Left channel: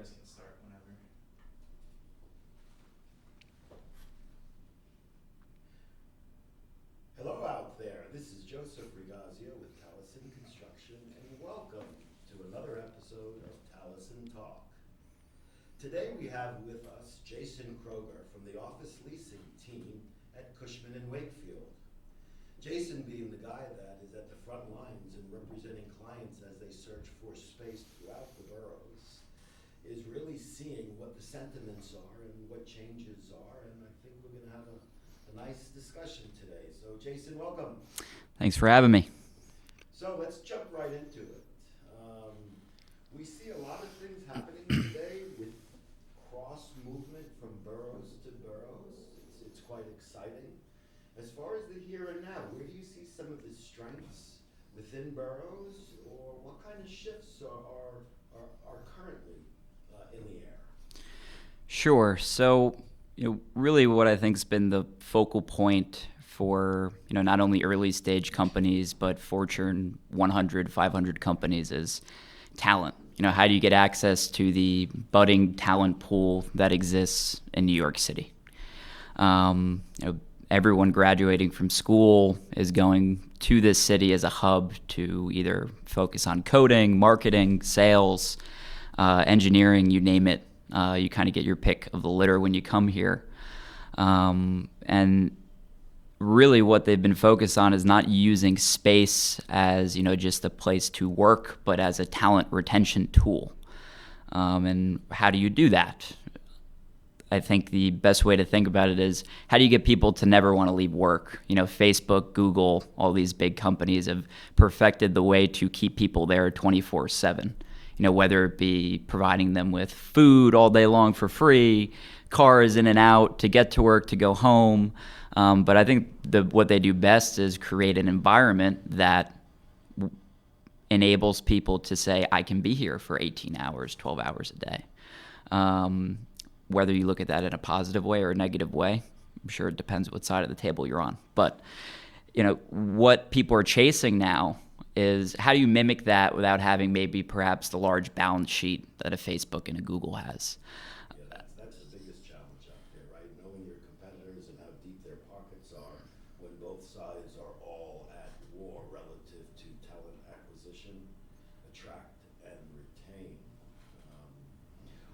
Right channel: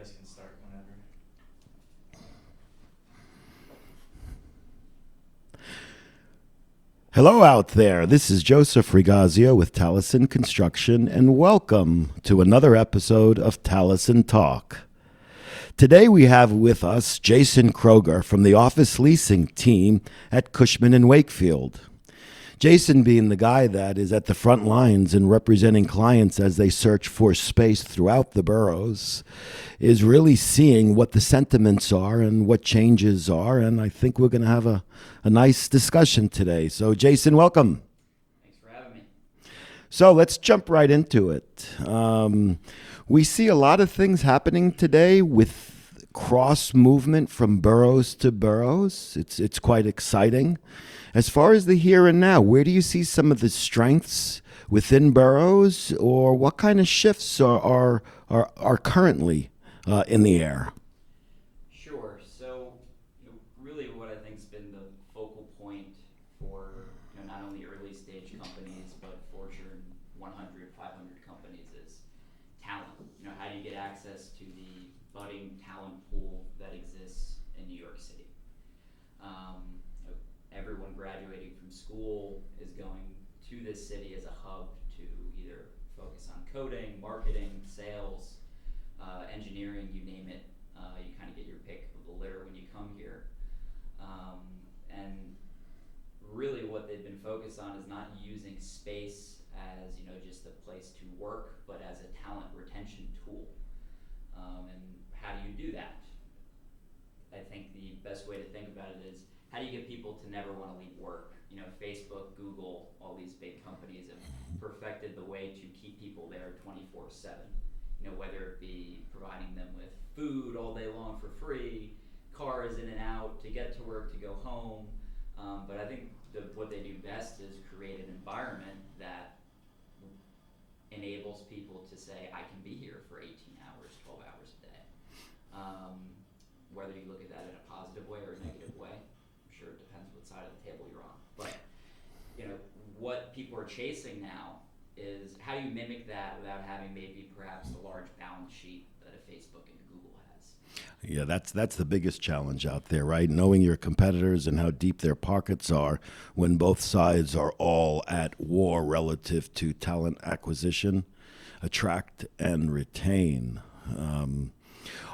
guys can start whenever. Hello out there. This is Joseph Rigazio with Talisen Construction, and welcome to another episode of Talisen Talk. Today we have with us Jason Kroeger from the office leasing team at Cushman Wakefield. Jason, being the guy that is at the front lines and representing clients as they search for space throughout the boroughs, is really seeing what the sentiments are and what changes are, and I think we're going to have a nice discussion today. So, Jason, welcome. Thanks for having me. So let's jump right into it. We see a lot of things happening today with cross movement from boroughs to boroughs. It's quite exciting. As far as the here and now, where do you see some of the strengths within boroughs, or what kind of shifts are currently in the air? Sure. So, really what I think has been the focal point for, not only early stage companies, but Fortune 100, 500 companies is talent. How do you get access to the budding talent pool that exists in New York City? Everyone graduating from school is going to this city as a hub to either focus on coding, marketing, sales, engineering, you name it. You kind of get your pick of the litter when you come here. And really what they've been focused on is not using space as, just a place to work, but as a talent retention tool. And how do you do that? I think the best way to think about it is, how do you get people to never want to leave work? Facebook, Google, all these big companies have perfected the way to keep people there 24/7. Whether it be providing them with food all day long for free, cars in and out to get to work, to go home. But I think what they do best is create an environment that enables people to say, I can be here for 18 hours, 12 hours a day. Whether you look at that in a positive way or a negative way, I'm sure it depends what side of the table you're on. But, what people are chasing now is, how do you mimic that without having maybe perhaps the large balance sheet that a Facebook and a Google has? Yeah, that's the biggest challenge out there, right? Knowing your competitors and how deep their pockets are when both sides are all at war relative to talent acquisition, attract and retain.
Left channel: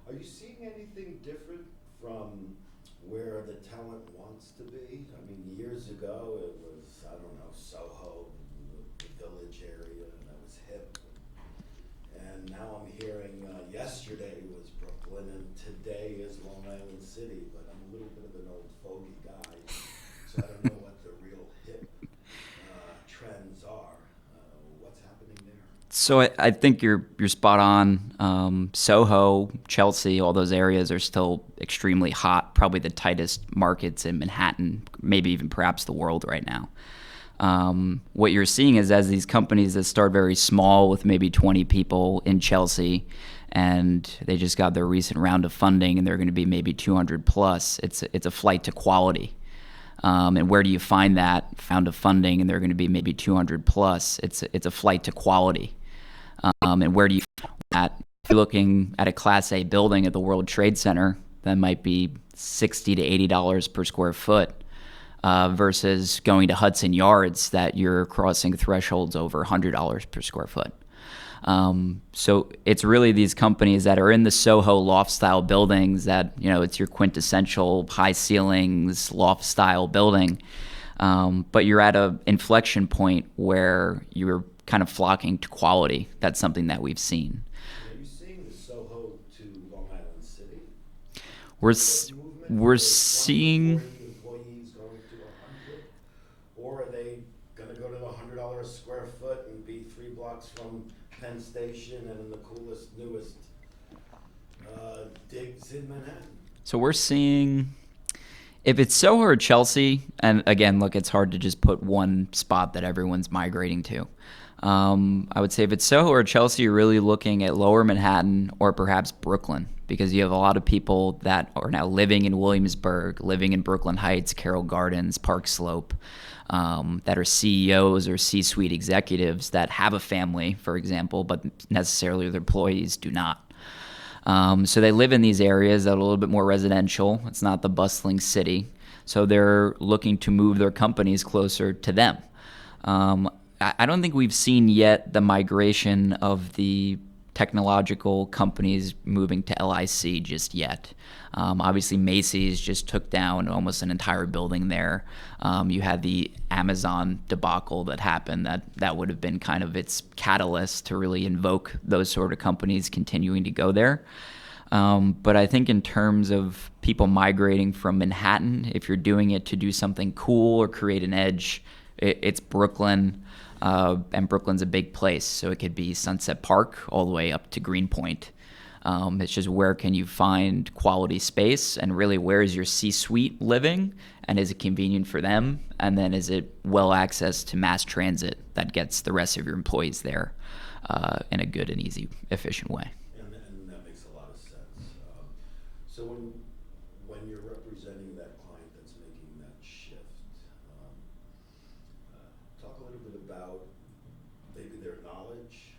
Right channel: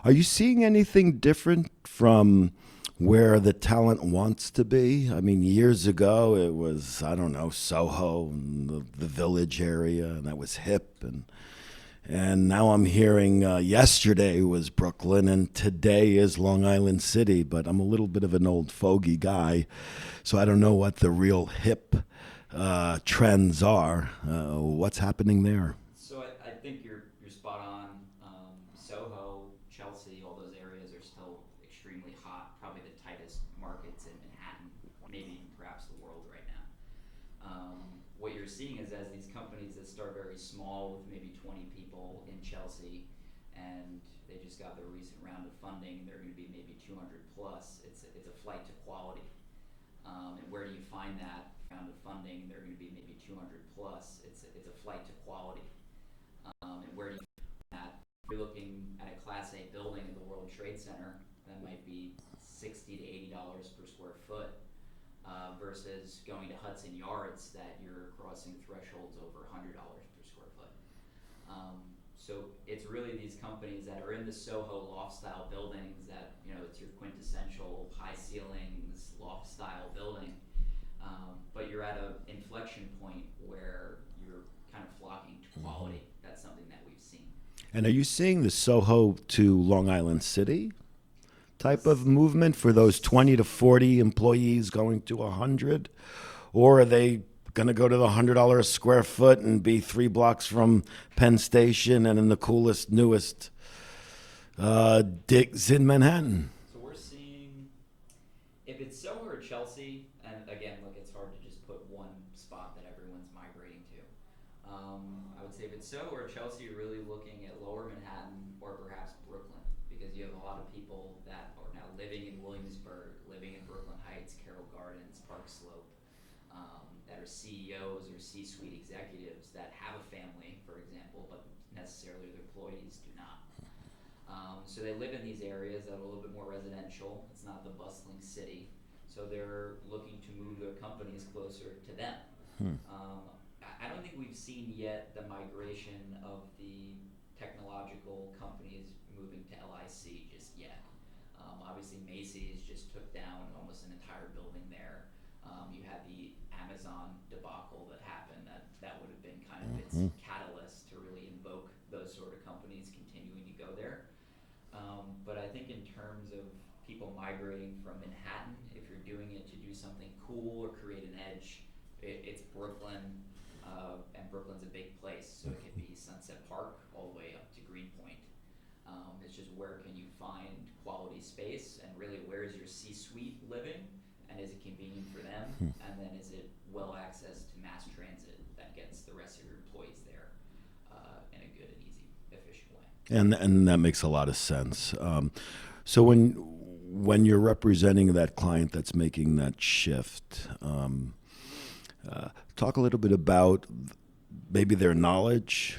Are you seeing anything different from where the talent wants to be? I mean, years ago it was, Soho and the Village area, and that was hip. And now I'm hearing yesterday was Brooklyn and today is Long Island City, but I'm a little bit of an old fogey guy, so I don't know what the real hip trends are. What's happening there? So I think you're spot on. Soho, Chelsea, all those areas are still extremely hot, probably the tightest markets in Manhattan, maybe even perhaps the world right now. What you're seeing is, as these companies that start very small with maybe 20 people in Chelsea, and they just got their recent round of funding and they're going to be maybe 200 plus, it's a flight to quality. And where do you find that round of funding and they're going to be maybe 200 plus? It's a flight to quality. And where do you find that? If you're looking at a Class A building at the World Trade Center, that might be $60 to $80 per square foot, versus going to Hudson Yards that you're crossing thresholds over $100 per square foot. So it's really these companies that are in the Soho loft style buildings that, it's your quintessential high ceilings loft style building. But you're at an inflection point where you're kind of flocking to quality. That's something that we've seen. And are you seeing the Soho to Long Island City type of movement for those 20 to 40 employees going to 100? Or are they going to go to the $100 a square foot and be 3 blocks from Penn Station and in the coolest, newest digs in Manhattan? So we're seeing, if it's Soho or Chelsea, and again, look, it's hard to just put one spot that everyone's migrating to. I would say if it's Soho or Chelsea, you're really looking at lower Manhattan or perhaps Brooklyn, because you have a lot of people that are now living in Williamsburg, living in Brooklyn Heights, Carroll Gardens, Park Slope, that are CEOs or C-suite executives that have a family, for example, but necessarily their employees do not. So they live in these areas that are a little bit more residential. It's not the bustling city. So they're looking to move their companies closer to them. I don't think we've seen yet the migration of the technological companies moving to LIC just yet. Obviously, Macy's just took down almost an entire building there. You had the Amazon debacle that happened. That would have been kind of its catalyst to really invoke those sort of companies continuing to go there. But I think in terms of people migrating from Manhattan, if you're doing it to do something cool or create an edge, it's Brooklyn. And Brooklyn's a big place, so it could be Sunset Park all the way up to Greenpoint. It's just where can you find quality space, and really where is your C-suite living, and is it convenient for them, and then is it well accessed to mass transit that gets the rest of your employees there in a good and easy, efficient way. And that makes a lot of sense. So when you're representing that client that's making that shift, talk a little bit about maybe their knowledge,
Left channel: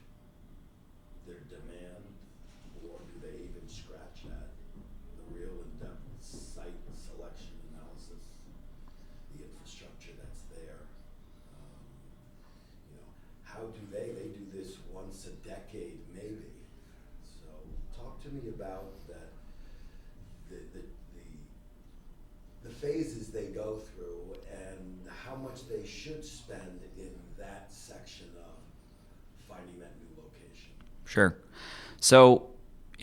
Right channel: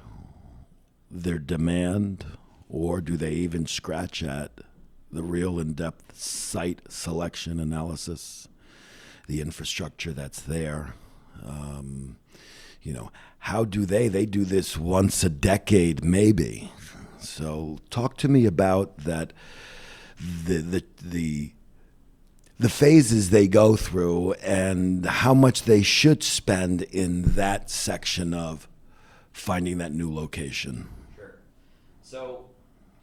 their demand, or do they even scratch at the real in-depth site selection analysis, the infrastructure that's there? How do they do this once a decade maybe? So talk to me about that, the phases they go through and how much they should spend in that section of finding that new location. If So,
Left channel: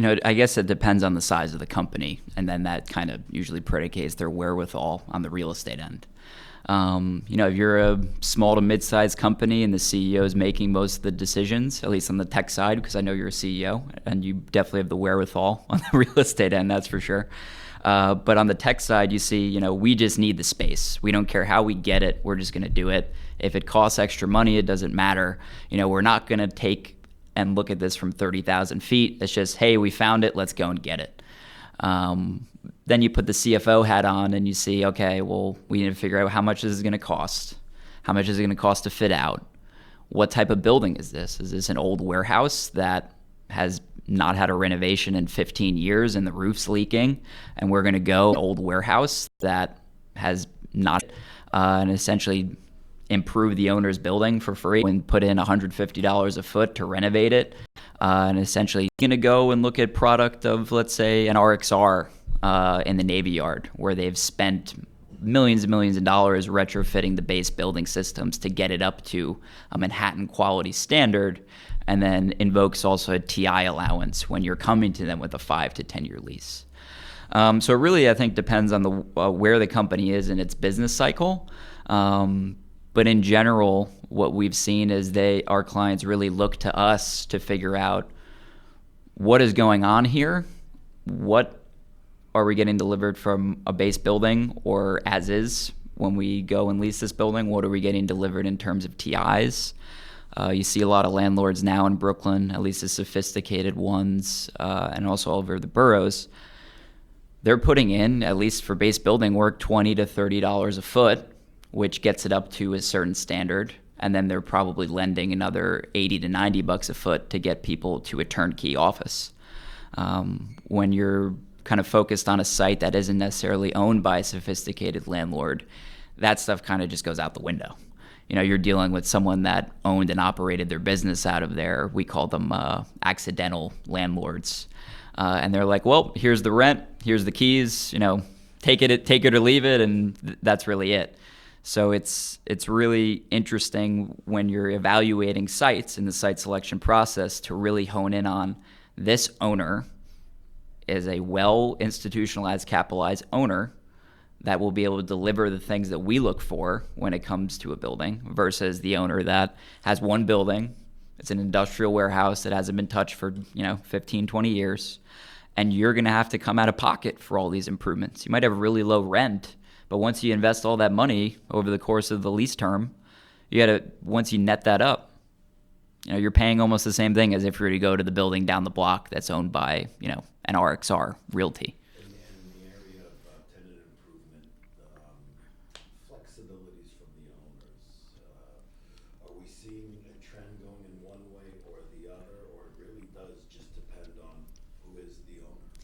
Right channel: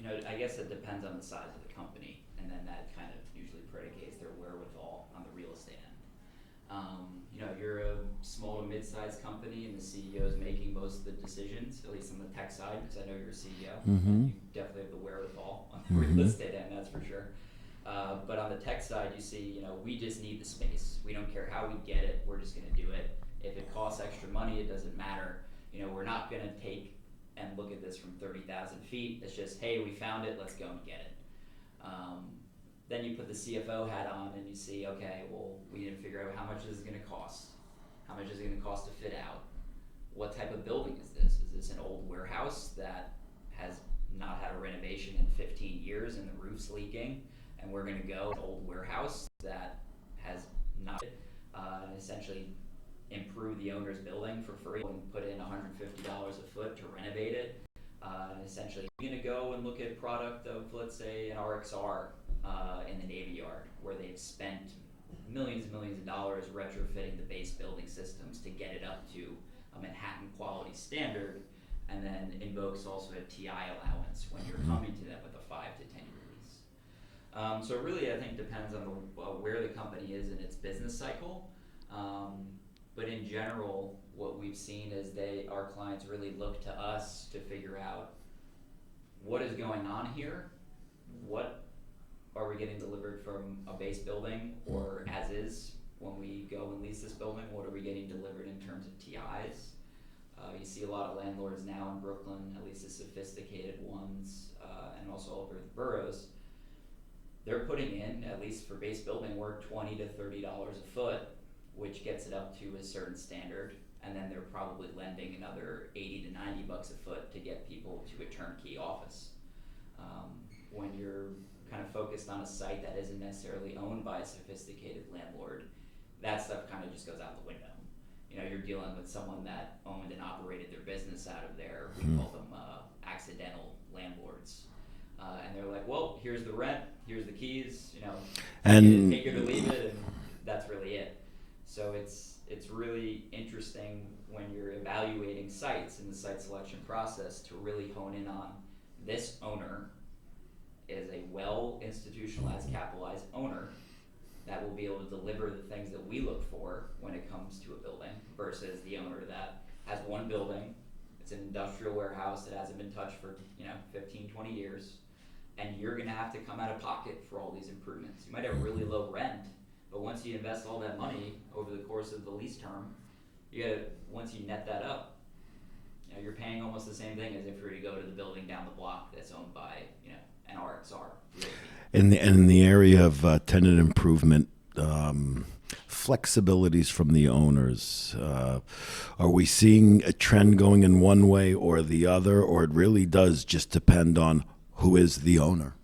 I guess it depends on the size of the company, and then that kind of usually predicates their wherewithal on the real estate end. If you're a small to mid-sized company and the CEO is making most of the decisions, at least on the tech side, because I know you're a CEO, and you definitely have the wherewithal on the real estate end, that's for sure. But on the tech side, you see, we just need the space. We don't care how we get it. We're just going to do it. If it costs extra money, it doesn't matter. We're not going to take and look at this from 30,000 feet. It's just, hey, we found it. Let's go and get it. Then you put the CFO hat on and you see, okay, well, we need to figure out how much this is going to cost. How much is it going to cost to fit out? What type of building is this? Is this an old warehouse that has not had a renovation in 15 years and the roof's leaking, and we're going to go old warehouse that has not and essentially improve the owner's building for free and put in $150 a foot to renovate it, and essentially going to go and look at product of, let's say, an RXR in the Navy Yard, where they've spent millions and millions of dollars retrofitting the base building systems to get it up to a Manhattan quality standard, and then invokes also a TI allowance when you're coming to them with a 5 to 10 year lease. So it really, I think, depends on the where the company is in its business cycle. But in general, what we've seen is our clients really look to us to figure out what is going on here, what are we getting delivered from a base building or as is when we go and lease this building, what are we getting delivered in terms of TIs. You see a lot of landlords now in Brooklyn, at least the sophisticated ones, and also all over the boroughs. They're putting in, at least for base building work, $20 to $30 a foot, which gets it up to a certain standard. And then they're probably lending another $80 to $90 a foot to get people to a turnkey office. When you're kind of focused on a site that isn't necessarily owned by a sophisticated landlord, that stuff kind of just goes out the window. You're dealing with someone that owned and operated their business out of there. We call them accidental landlords. And they're like, well, here's the rent, here's the keys, take it or leave it, and that's really it. So it's really interesting when you're evaluating sites in the site selection process to really hone in on this owner is a well-institutionalized, capitalized owner that will be able to deliver the things that we look for when it comes to a building versus the owner that has one building. It's an industrial warehouse that hasn't been touched for 15, 20 years. And you're going to have to come out of pocket for all these improvements. You might have really low rent, but once you invest all that money over the course of the lease term, once you net that up, you're paying almost the same thing as if you were to go to the building down the block that's owned by, an RXR Realty. In the area of tenant improvement, flexibilities from the owners, are we seeing a trend going in one way or the other, or it really does just depend on who is the owner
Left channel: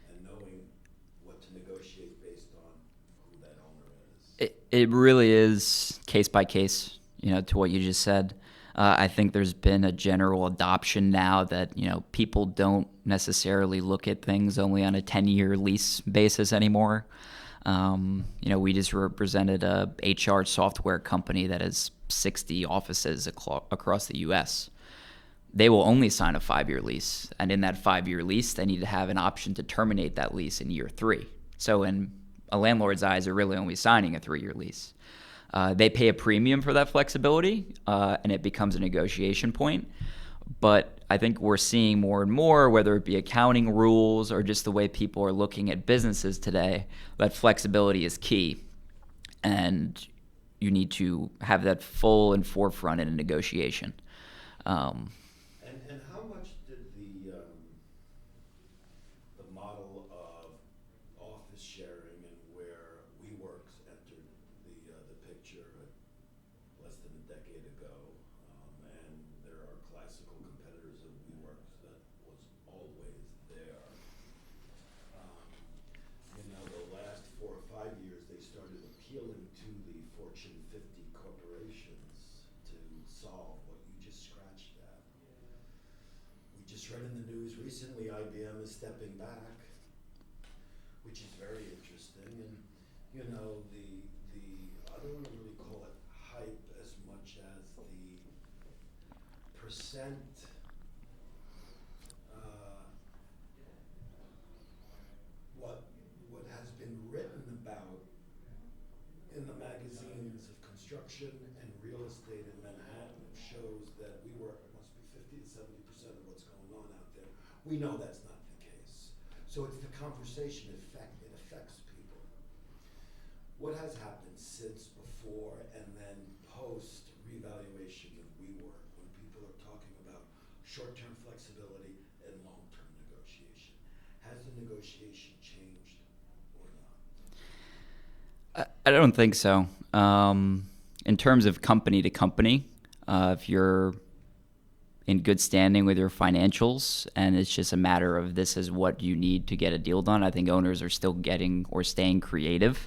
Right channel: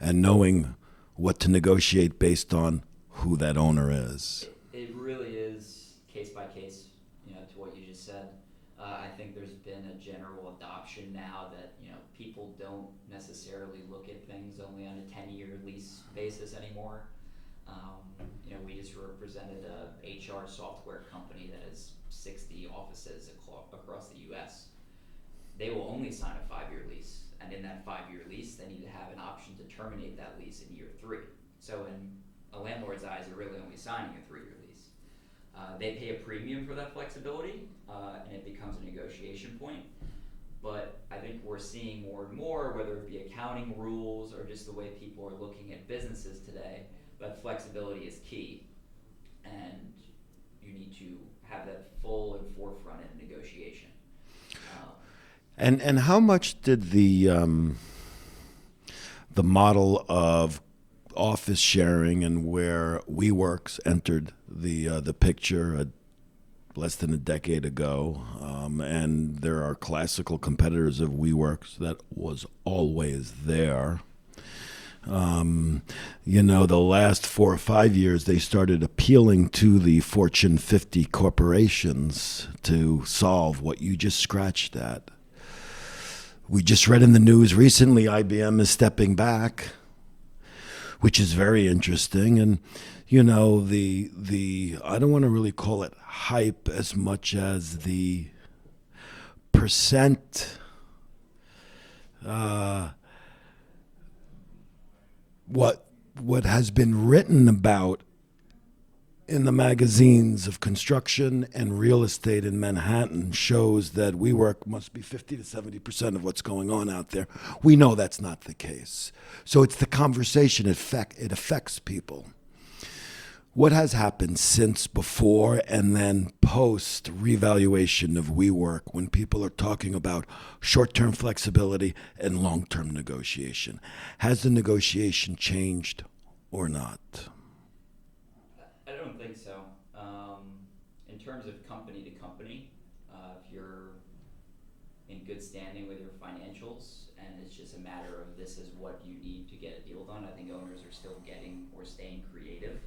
and knowing what to negotiate based on who that owner is. It really is case by case, to what you just said. I think there's been a general adoption now that, people don't necessarily look at things only on a 10-year lease basis anymore. We just represented a HR software company that has 60 offices across the U.S. They will only sign a 5-year lease, and in that 5-year lease, they need to have an option to terminate that lease in year 3. So in a landlord's eyes, they're really only signing a 3-year lease. They pay a premium for that flexibility, and it becomes a negotiation point. But I think we're seeing more and more, whether it be accounting rules or just the way people are looking at businesses today, that flexibility is key. And you need to have that full and forefront in a negotiation. And how much did the model of office sharing and where WeWorks entered the picture less than a decade ago, and there are classical competitors of WeWorks that was always there. The last 4 or 5 years, they started appealing to the Fortune 50 corporations to solve what you just scratched at. We just read in the news recently, IBM is stepping back, which is very interesting. And, the I don't want to really call it hype as much as the percent what has been written about in the magazines of construction and real estate in Manhattan shows that WeWork must be 50 to 70% of what's going on out there. We know that's not the case. So it's the conversation, it affects people. What has happened since before and then post revaluation of WeWork when people are talking about short-term flexibility and long-term negotiation? Has the negotiation changed or not? I don't think so. In terms of company to company, if you're in good standing with your financials and it's just a matter of this is what you need to get a deal done, I think owners are still getting or staying creative.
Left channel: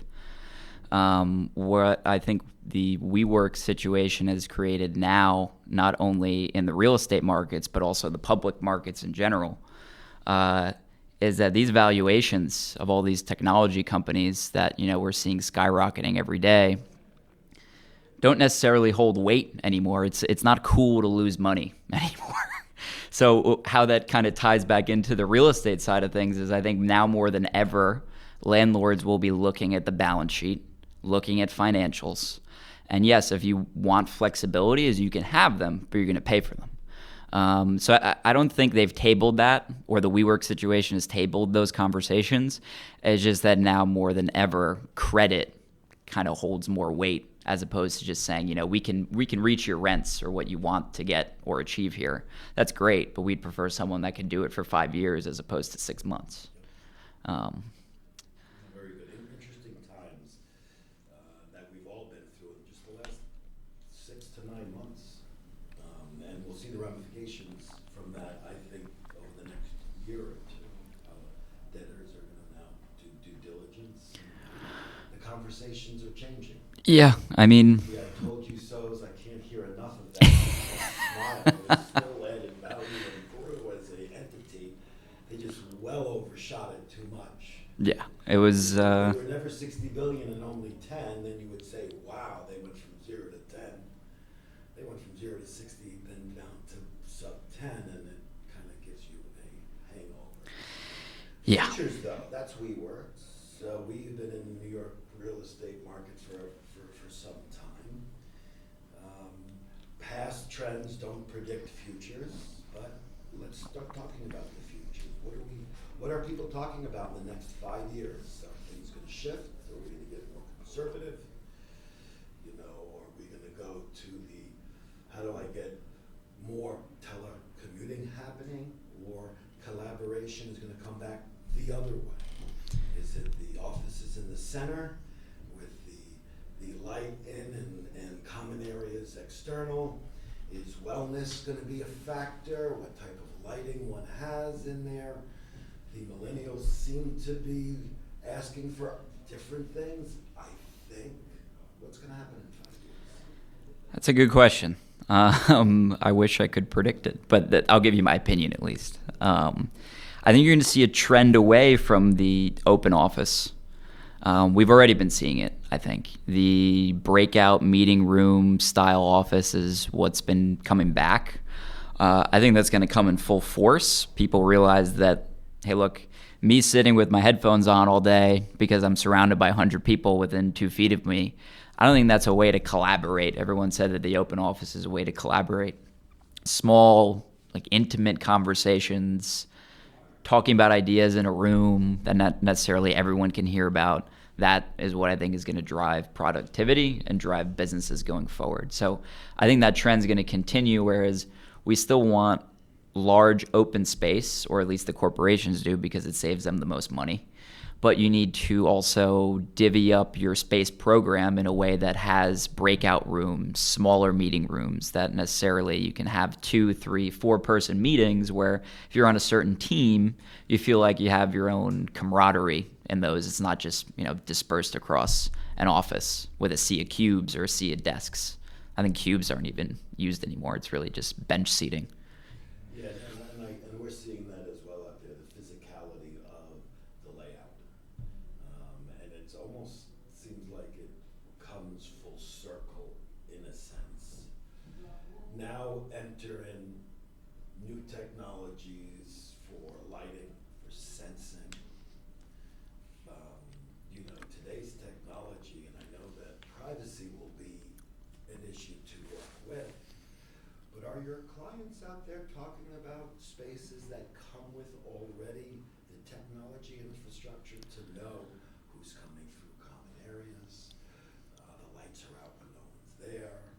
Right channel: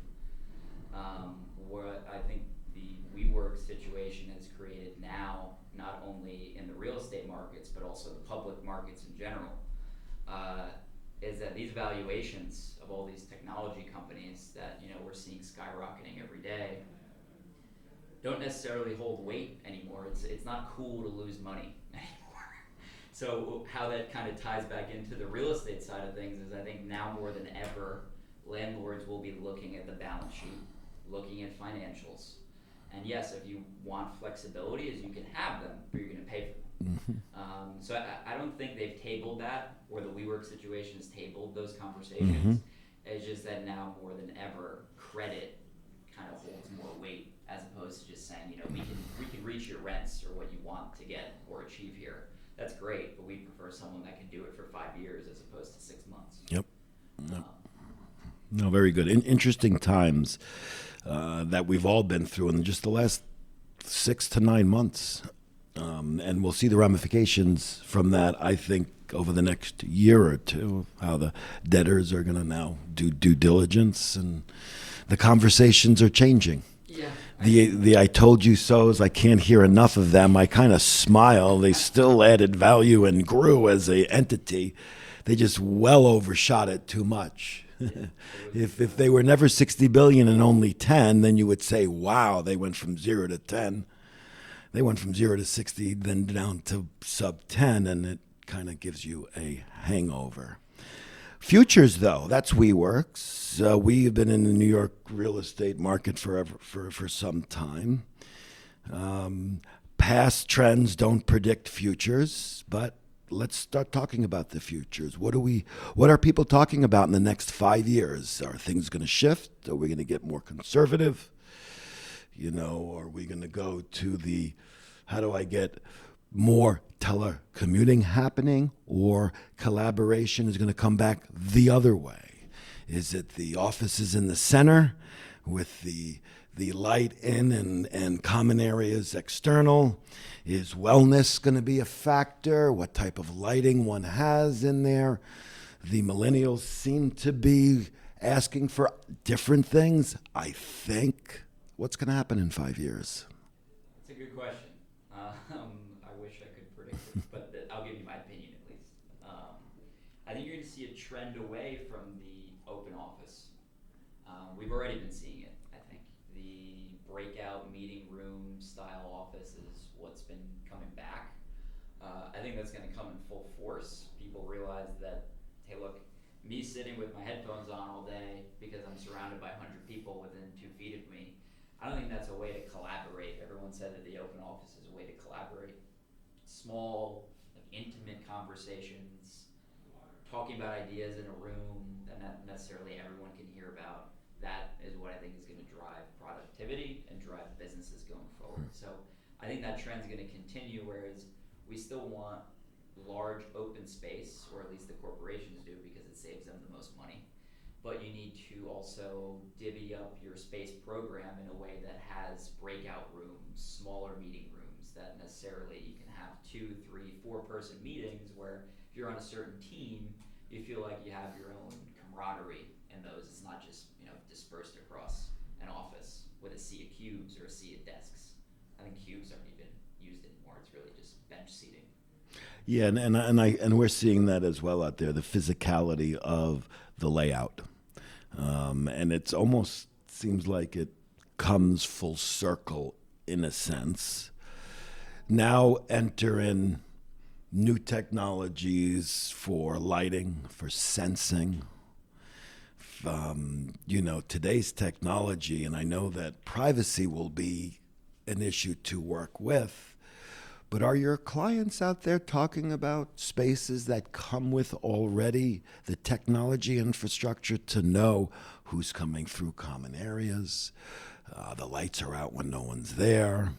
Where I think the WeWork situation has created now, not only in the real estate markets, but also the public markets in general, is that these valuations of all these technology companies that, we're seeing skyrocketing every day don't necessarily hold weight anymore. It's not cool to lose money anymore. So how that kind of ties back into the real estate side of things is I think now more than ever, landlords will be looking at the balance sheet, looking at financials. And yes, if you want flexibility, is you can have them, but you're going to pay for them. Mm-hmm. So I don't think they've tabled that, or the WeWork situation has tabled those conversations. Mm-hmm. It's just that now more than ever, credit kind of holds more weight as opposed to just saying, we can reach your rents or what you want to get or achieve here. That's great, but we'd prefer someone that can do it for 5 years as opposed to 6 months. Yep. No, very good. Interesting times that we've all been through in just the last 6 to 9 months. And we'll see the ramifications from that, I think, over the next year or two, how the debtors are going to now do due diligence, and the conversations are changing. Yeah, I mean... The I told you so's, I can't hear enough of them. I kind of smile. They still added value and grew as a entity. They just well overshot it too much. Yeah, it was... If they were never 60 billion and only 10, then you would say, wow, they went from 0 to 10. They went from 0 to 60, then down to sub 10, and it kind of gives you a hangover. Futures, though, that's WeWorks. We've been in the New York real estate market for some time. Past trends don't predict futures, but let's start talking about the futures. What are people talking about in the next 5 years? Are things going to shift? Are we going to get more conservative? Are we going to go to how do I get more telecommuting happening, or collaboration is going to come back the other way? Is it the offices in the center with the light in and common areas external? Is wellness going to be a factor? What type of lighting one has in there? The millennials seem to be asking for different things, I think. What's going to happen in 5 years? That's a good question. I wish I could predict it, but I'll give you my opinion at least. I think you're going to see a trend away from the open office. We've already been seeing it, I think. The breakout meeting room style office is what's been coming back. I think that's going to come in full force. People realize that, hey, look, me sitting with my headphones on all day because I'm surrounded by 100 people within 2 feet of me, I don't think that's a way to collaborate. Everyone said that the open office is a way to collaborate. Small, like intimate conversations, talking about ideas in a room that not necessarily everyone can hear about. That is what I think is going to drive productivity and drive businesses going forward. So I think that trend is going to continue, whereas we still want large open space, or at least the corporations do, because it saves them the most money. But you need to also divvy up your space program in a way that has breakout rooms, smaller meeting rooms that necessarily you can have 2, 3, 4-person meetings where if you're on a certain team, you feel like you have your own camaraderie in those. It's not just, dispersed across an office with a sea of cubes or a sea of desks. I think cubes aren't even used anymore. It's really just bench seating. Yeah, and we're seeing that as well out there, the physicality of the layout. And it's almost seems like it comes full circle in a sense. Now enter in new technologies for lighting, for sensing. Today's technology, and I know that privacy will be an issue to work with, but are your clients out there talking about spaces that come with already the technology infrastructure to know who's coming through common areas? The lights are out when no one's there.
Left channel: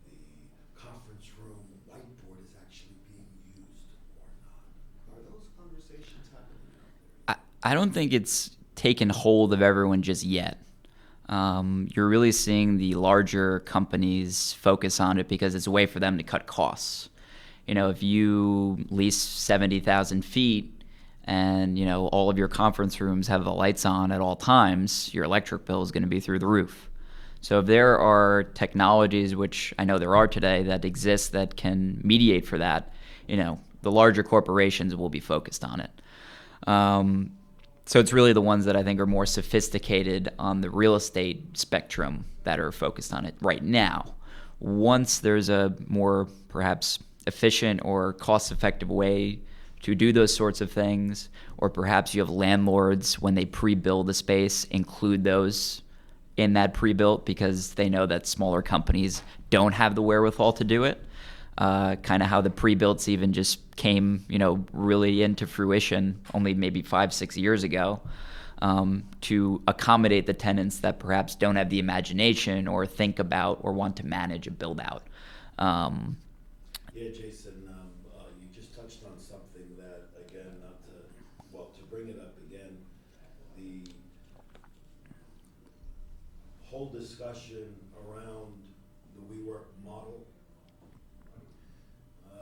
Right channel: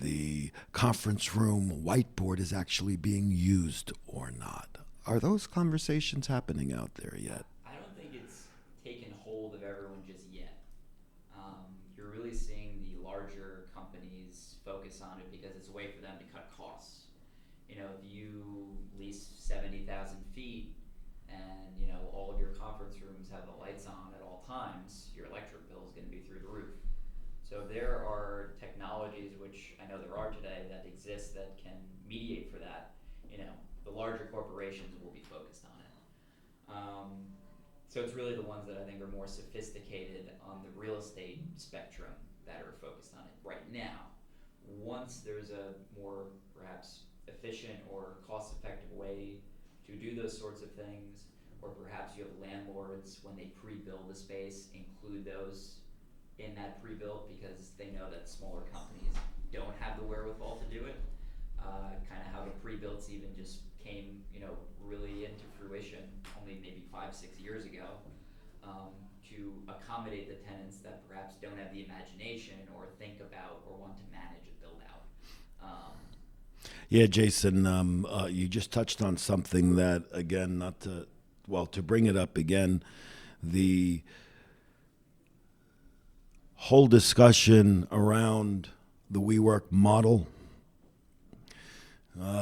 The conference room whiteboard is actually being used or not. Are those conversations happening out there yet? I don't think it's taken hold of everyone just yet. You're really seeing the larger companies focus on it because it's a way for them to cut costs. If you lease 70,000 feet and, all of your conference rooms have the lights on at all times, your electric bill is going to be through the roof. So if there are technologies, which I know there are today, that exist that can mediate for that, the larger corporations will be focused on it. So it's really the ones that I think are more sophisticated on the real estate spectrum that are focused on it right now. Once there's a more perhaps efficient or cost-effective way to do those sorts of things, or perhaps you have landlords, when they pre-build a space, include those in that pre-built because they know that smaller companies don't have the wherewithal to do it. Kind of how the pre-builts even just came, really into fruition only maybe 5-6 years ago, to accommodate the tenants that perhaps don't have the imagination or think about or want to manage a build-out. Yeah, Jason, you just touched on something that, again, to bring it up again, the whole discussion around the WeWork model.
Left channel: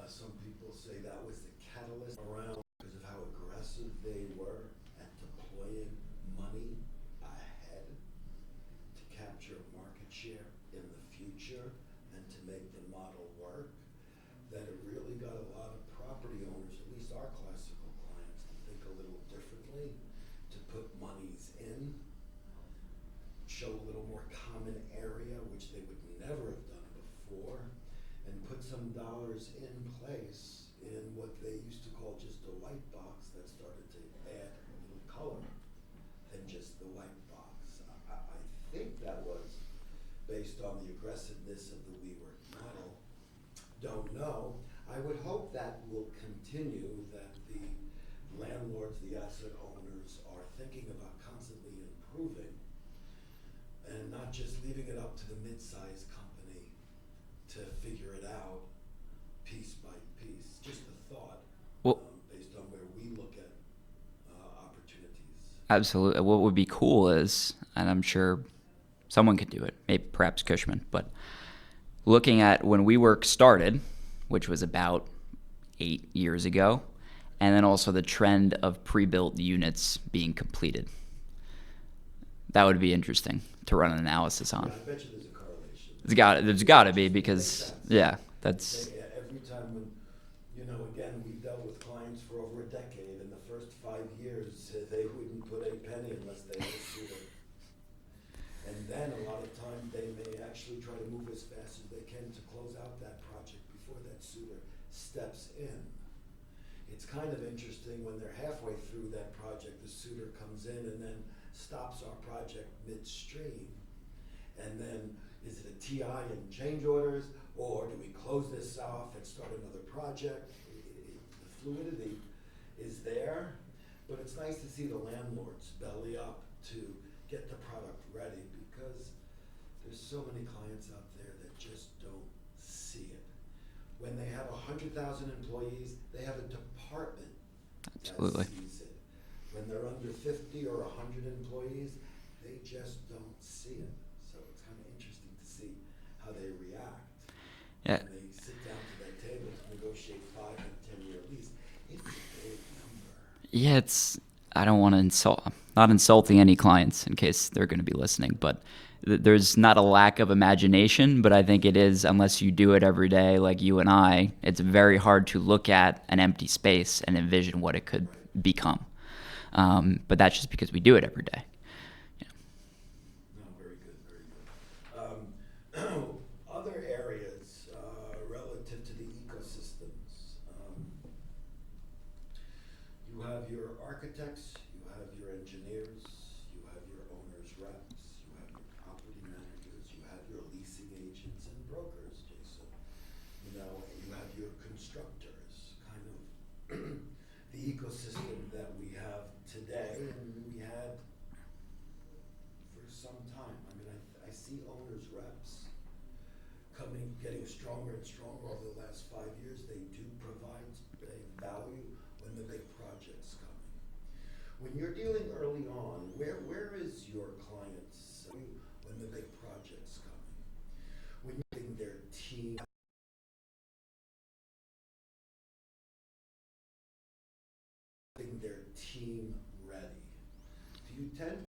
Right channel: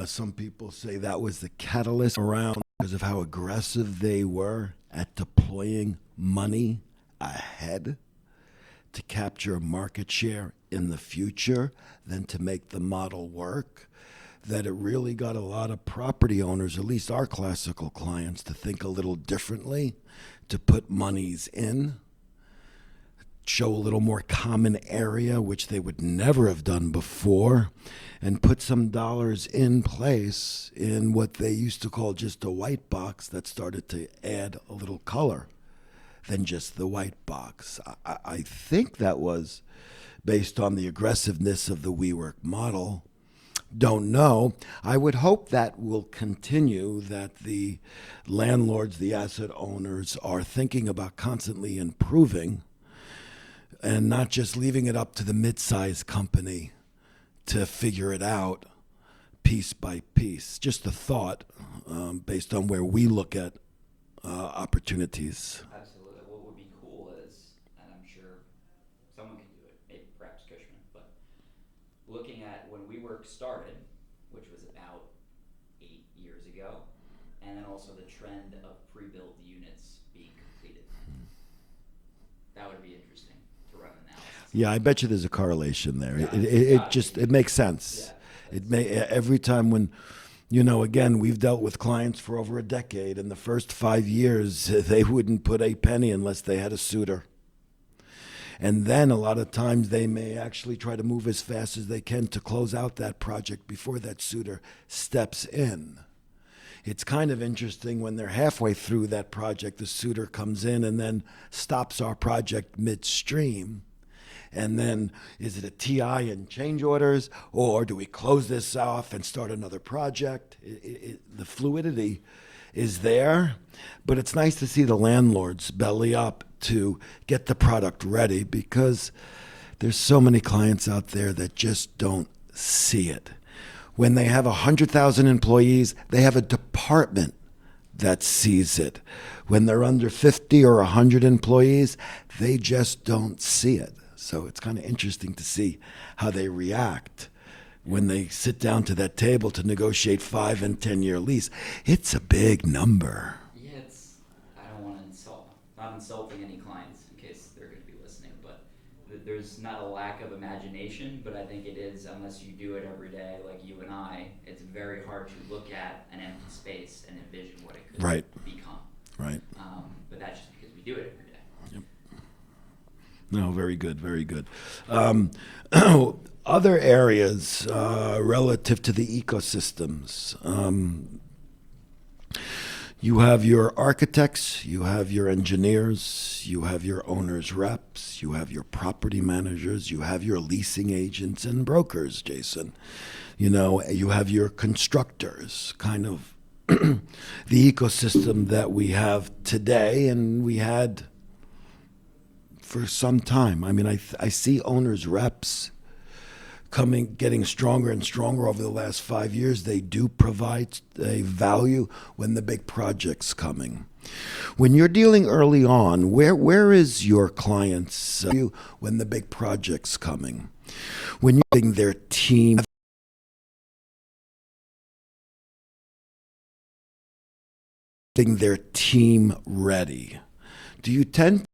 Some people say that was the catalyst around because of how aggressive they were at deploying money ahead to capture market share in the future than to make the model work, that it really got a lot of property owners, at least our classical clients, to think a little differently, to put monies in, show a little more common area, which they would never have done before, and put some dollars in place in what they used to call just a white box that started to add a little color than just the white box. I think that was based on the aggressiveness of the WeWork model. Don't know. I would hope that will continue, that the landlords, the asset owners are thinking about constantly improving and not just leaving it up to the mid-sized company to figure it out piece by piece. Just a thought, based on where we look at opportunities. Absolutely. What would be cool is, and I'm sure someone could do it, maybe perhaps Cushman, but Looking at when WeWork started, which was about 8 years ago, and then also the trend of pre-built units being completed. That would be interesting to run an analysis on. Yeah, I bet you there's a correlation there. There's got to be, just, because it makes sense. Yeah, that's Every time when, again, we've dealt with clients for over a decade, and the first 5 years, they wouldn't put a penny unless they had a suitor. And then a lot of times they may actually try to move as fast as they can to close out that project before that suitor steps in. It's kind of interesting when they're halfway through that project, the suitor comes in and then stops our project midstream. And then is it a TI and change orders, or do we close this off and start another project? The fluidity is there, but it's nice to see the landlords belly up to get the product ready, because there's so many clients out there that just don't see it. When they have 100,000 employees, they have a department that sees it. When they're under 50 or 100 employees, they just don't see it. So it's kind of interesting to see how they react when they sit down to that table to negotiate 5 and 10-year lease. It's a big number. Yeah, I don't want to not insulting any clients in case they're going to be listening, but there's not a lack of imagination, but I think it is, unless you do it every day like you and I, it's very hard to look at an empty space and envision what it could become. Right. But that's just because we do it every day. No, very good, very good. Other areas relative to the ecosystems. You have your architects, you have your engineers, you have your owner's reps, you have your property managers, you have your leasing agents and brokers, Jason. You have your constructors, kind of the ecosystem that we have today and we had for some time. I mean, I see owners reps getting stronger and stronger over the last 5 years. They do provide a value when the big project's coming. When you're dealing early on, where is your client's value when the big project's coming? When you're getting their team ready, do you tend